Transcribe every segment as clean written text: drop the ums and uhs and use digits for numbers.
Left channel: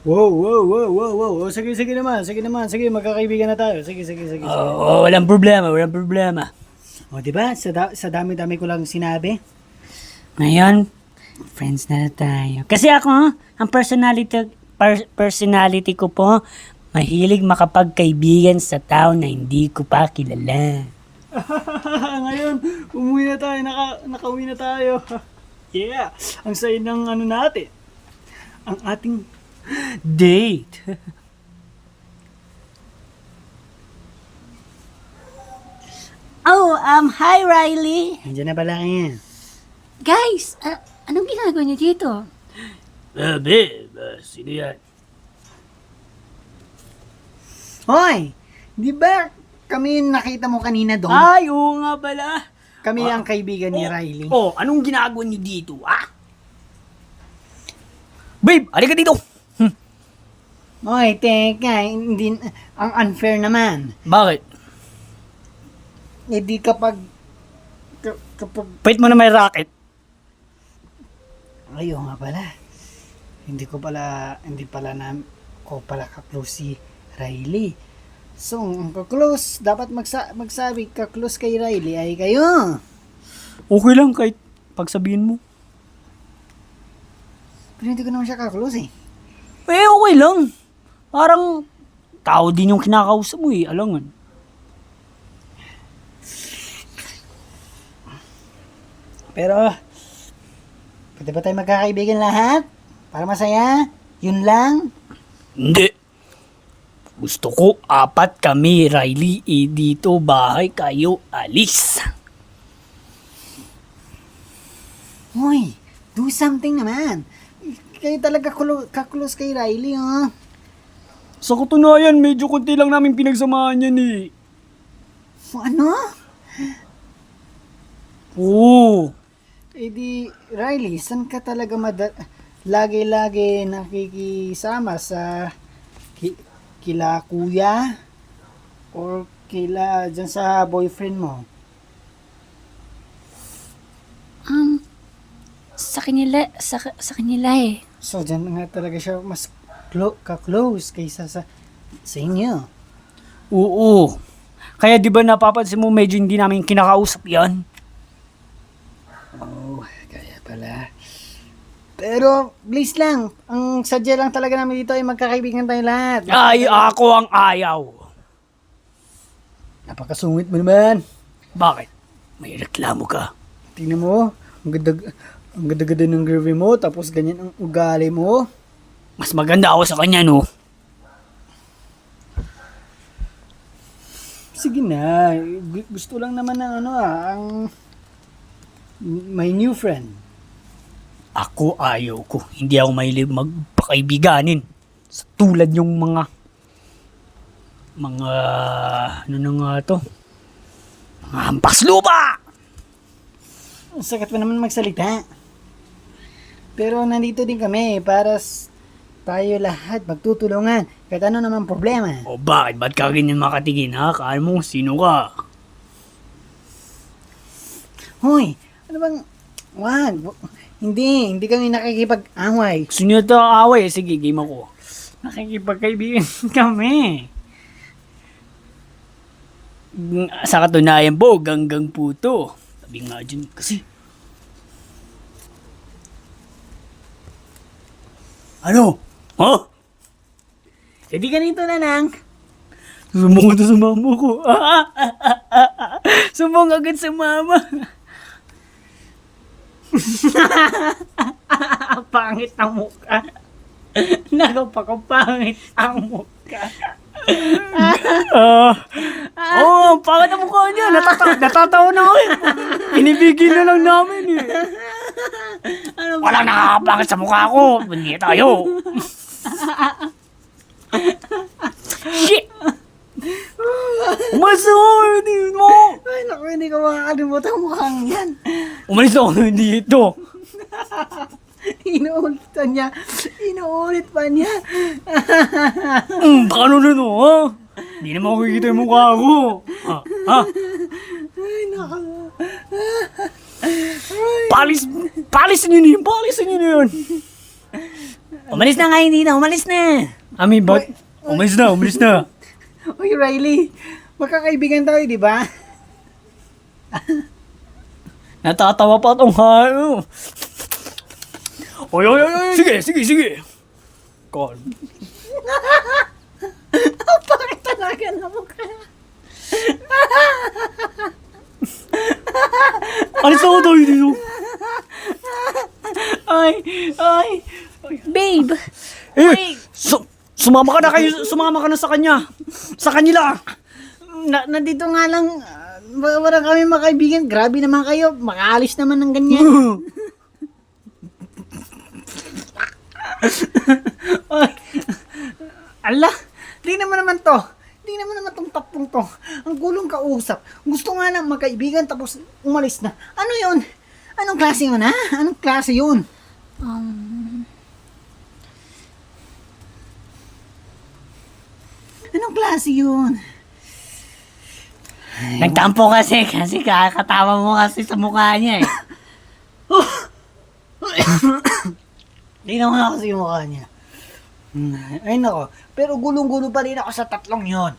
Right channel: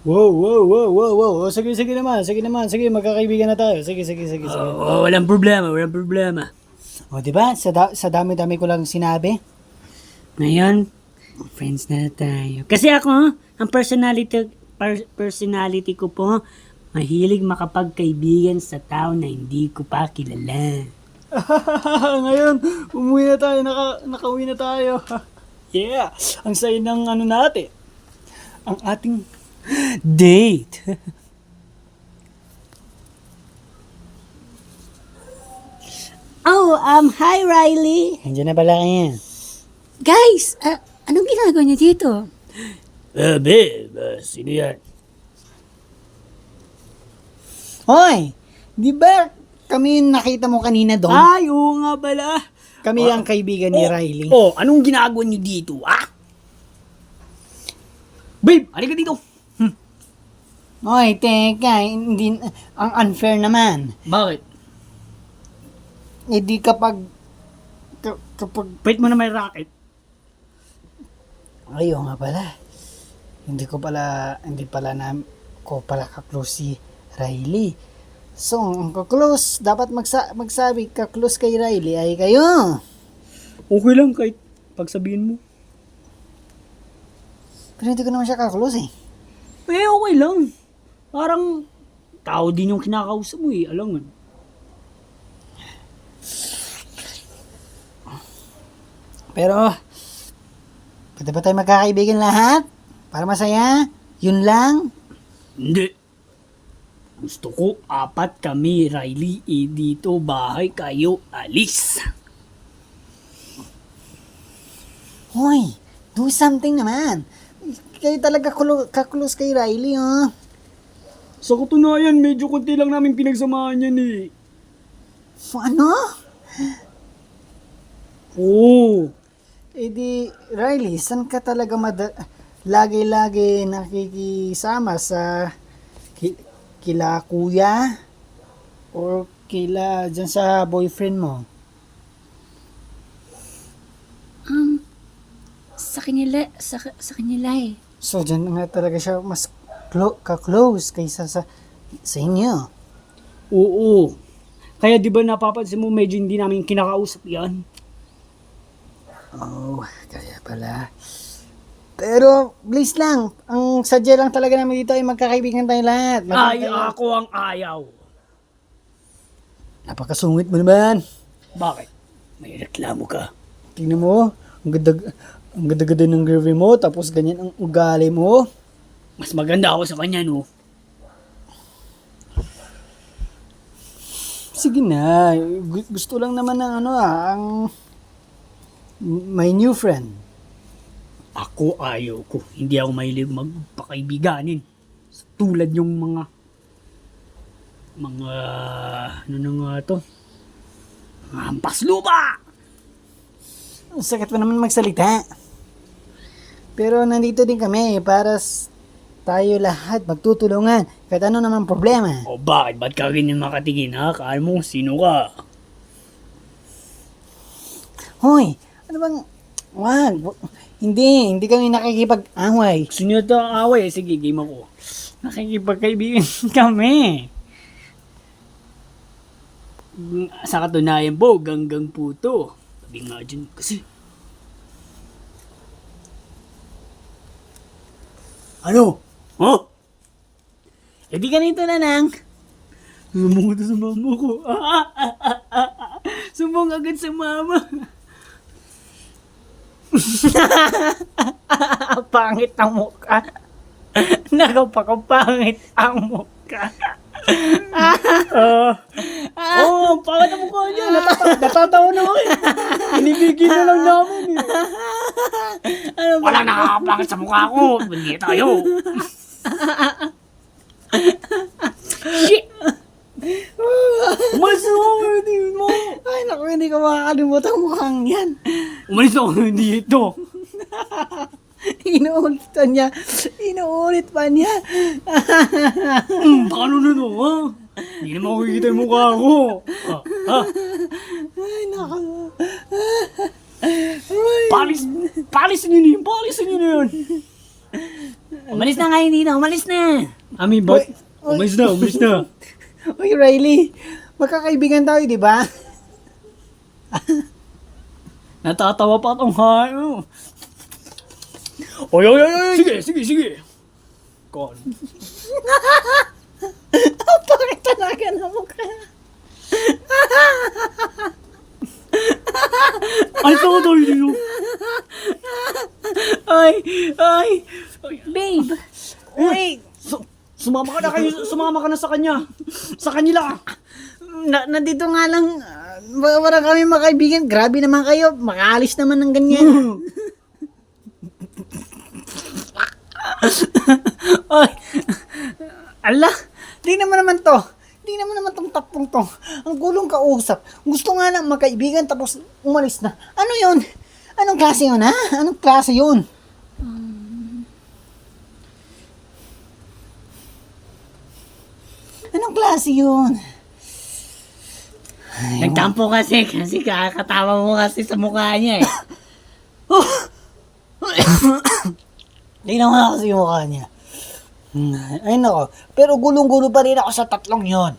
Wow, wow, wow, wow, wow. O, sige, sige naman, sige naman, sige, magkakaibigan na tayo. Sige, sige, sige, sige. Walang problema, walang problema. O, di ba? Sa dami-dami ko lang sinabi. Ngayon, friends na tayo. Kasi ako, ang personality ko po, mahilig makapagkaibigan sa tao na hindi ko pa kilala. Ngayon, umuwi na tayo, nakauwi na tayo. Yeah, ang saya ng ano natin. Ang ating date. Hi Riley. Andiyan na pala kayo. Guys, anong ginagawa niyo dito? Babe, sino yan? Hoy, di ba kami nakita mo kanina doon? Ay, oo nga pala. Kami ang kaibigan ni Riley. Anong ginagawa niyo dito, Babe, halika dito. Hoy, teka, hindi, ang unfair naman. Bakit? Hindi kapag, Pait mo na may racket. ayaw nga pala. Hindi pala ko pala ka-close si Riley. So, ang ka-close, dapat magsabi ka-close kay Riley ay kayo. Okay lang kahit pagsabihin mo. Pero hindi ko naman siya ka-close eh. Okay lang. Parang tao din yung kinakausap mo alangan. Pero, pwede ba tayo magkakaibigan lahat? Para masaya? Yun lang? Hindi. Gusto ko 4 kami, Riley. Dito bahay kayo alis. Hoy, do something naman. Kayo talaga ka-close kay Riley, oh. Sa katunayan, medyo konti lang namin pinagsamahan yan Ano? Oo. Eh di, Riley, saan ka talaga lagi-lagi nakikisama sa kila kuya? Or dyan sa boyfriend mo? Sa kanila eh. So, dyan nga talaga siya mas ka-close kaysa sa inyo. Oo. Kaya di ba napapansin mo medyo hindi namin kinakausap yan? Oh, kaya pala. Pero, please lang, ang sadya lang talaga namin dito ay magkakaibigan tayo lahat. Ay, ako ang ayaw. Napakasungit mo naman. Bakit? May reklamo ka. Tingnan mo, ang ganda-ganda ng girlfriend mo, tapos ganyan ang ugali mo. Mas maganda ako sa kanya, no? Sige na, gusto lang naman ng ang my new friend. Ako ayaw ko. Hindi ako mahilig magpakaibiganin. Sa tulad yung mga ano na nga to? Mga hampas lupa! Ang sakit pa naman magsalita. Pero nandito din kami para tayo lahat magtutulungan. Kahit ano naman problema. O bakit? Ba't ka ganyan makatingin, ha? Kaya mo, sino ka? Hoy, ano bang, wag, hindi kami nakikipag-away. Sino ito ang away? Sige, game ako. Nakikipagkaibigan kami. Sa katunayan po, ganggang puto. Sabi nga dyan kasi. Ano? Huh? E di ganito na lang. Sumbong ito sa mama ko. Sumbong agad sa mama. Pangit ang mukha. Pangit ang mukha. Ang pangit ang mukha niya. Natatawa na ako Pinibigil na lang namin Walang nakakapangit sa mukha ko. Hindi tayo. Shit! Umalis ako mo! Ay, naku, hindi ko makakalimutan ang mukhang yan. Umalis ako dito. Inuulit pa niya. Paano nito, ha? Hindi naman makikita yung mukha ko. Ha? Ay, naku. Palisin niyo na yun. Umalis na nga, hindi na. Umalis na. Ami, bot. Umalis na, umalis na. Uy, Riley, magkakaibigan tayo, di ba? Natatawa pa itong hayo. Oy, oy, oy, oy. Sige, sige, sige. Kon. Ang pangit talaga na mukha. Alis ako tayo dito. Ay, ay. Babe! Sumama ka na kayo, sumama ka na sa kanya. Sa kanila. Nandito nga lang, parang kami makaibigan. Grabe naman kayo, makaalis naman ng ganyan. Ay, ala, di naman to. Di naman tong tatlong to. Ang gulong kausap. Gusto nga lang magkaibigan tapos umalis na. Ano yun? Anong klase yun, ha? Anong klase yun? Anong klase yun? Nagtampo kasi kakatawa mo kasi sa mukha niya eh. Tingnan mo na kasi yung mukha niya. Ay nako. Pero gulong-gulo pa rin ako sa tatlong yon.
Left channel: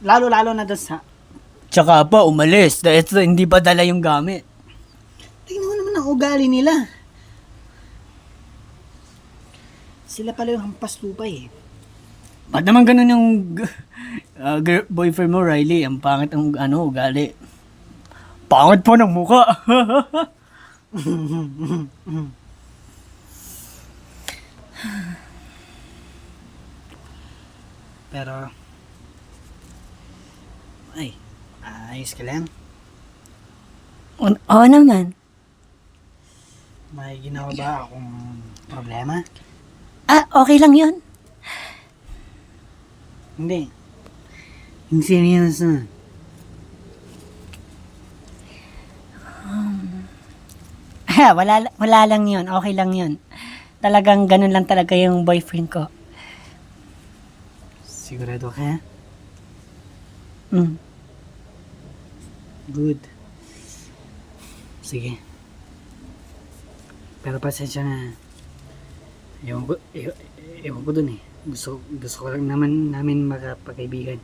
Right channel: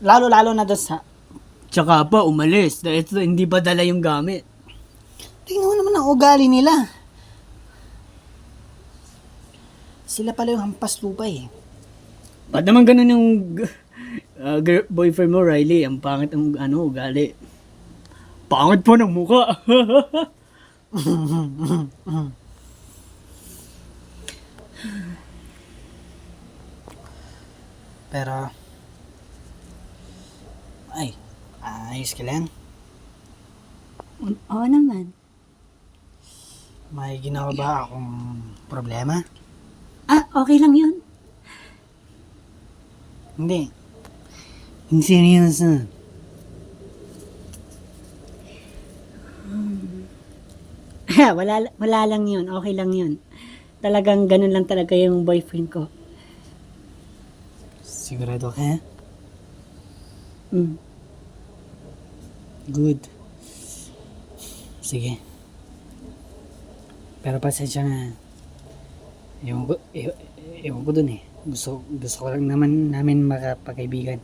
Lalo-lalo na doon sa... Tsaka pa umalis dahil hindi pa dala yung gamit. Tingnan mo naman ang ugali nila. Sila pala yung hampas lupa eh. Ba't naman ganun yung boyfriend mo, Riley? Ang pangit ang ugali. Pangit po ng mukha. Pero... Ay, ayos ka lang. Oo naman. May ginawa ba akong problema? Okay lang yun. Hindi. Hindi seryoso. Wala lang yun. Okay lang yun. Talagang ganun lang talaga yung boyfriend ko. Sigurado ka? Mm. Good. Sige. Pero pasensya na. Ewan ko dun eh. Gusto ko lang naman namin makapagkaibigan.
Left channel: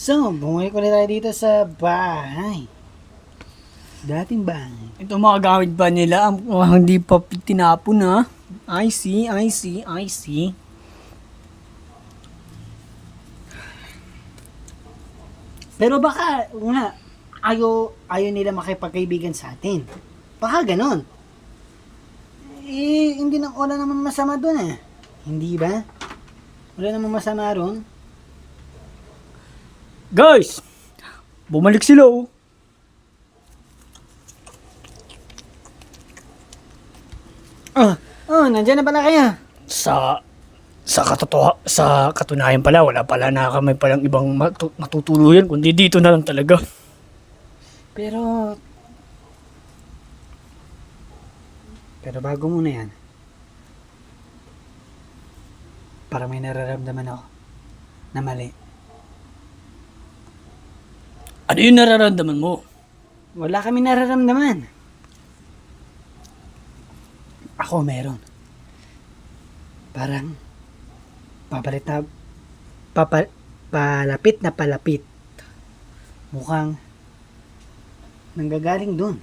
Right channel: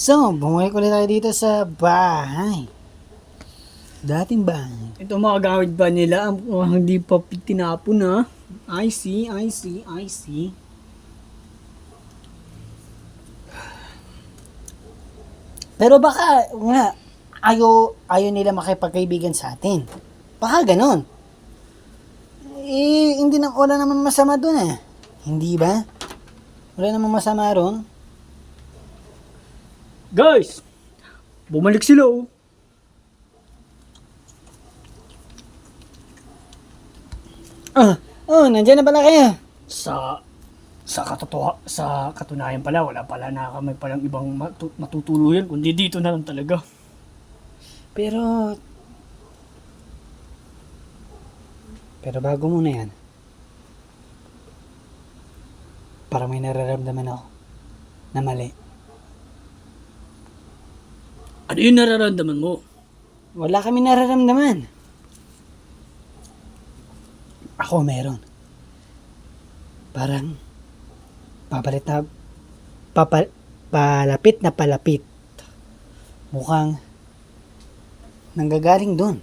So, bumuhay ko ulit tayo dito sa bahay. Dating bahay. Ito mga gamit ba nila? Hindi pa tinapon ha? I see. Pero baka, nga, ayaw nila makipagkaibigan sa atin. Baka ganon. Eh, wala naman masama dun eh. Hindi ba? Wala naman masama ron. Guys! Bumalik sila oh. Nandiyan na pala kayo. Sa katunayan pala, wala pala na kami palang ibang matutuluyan, kundi dito na lang talaga. Pero bago muna yan. Para may nararamdaman ako na mali. Ano yung nararamdaman mo? Wala kami nararamdaman. Ako meron. Parang palapit na palapit. Mukhang nanggagaling dun.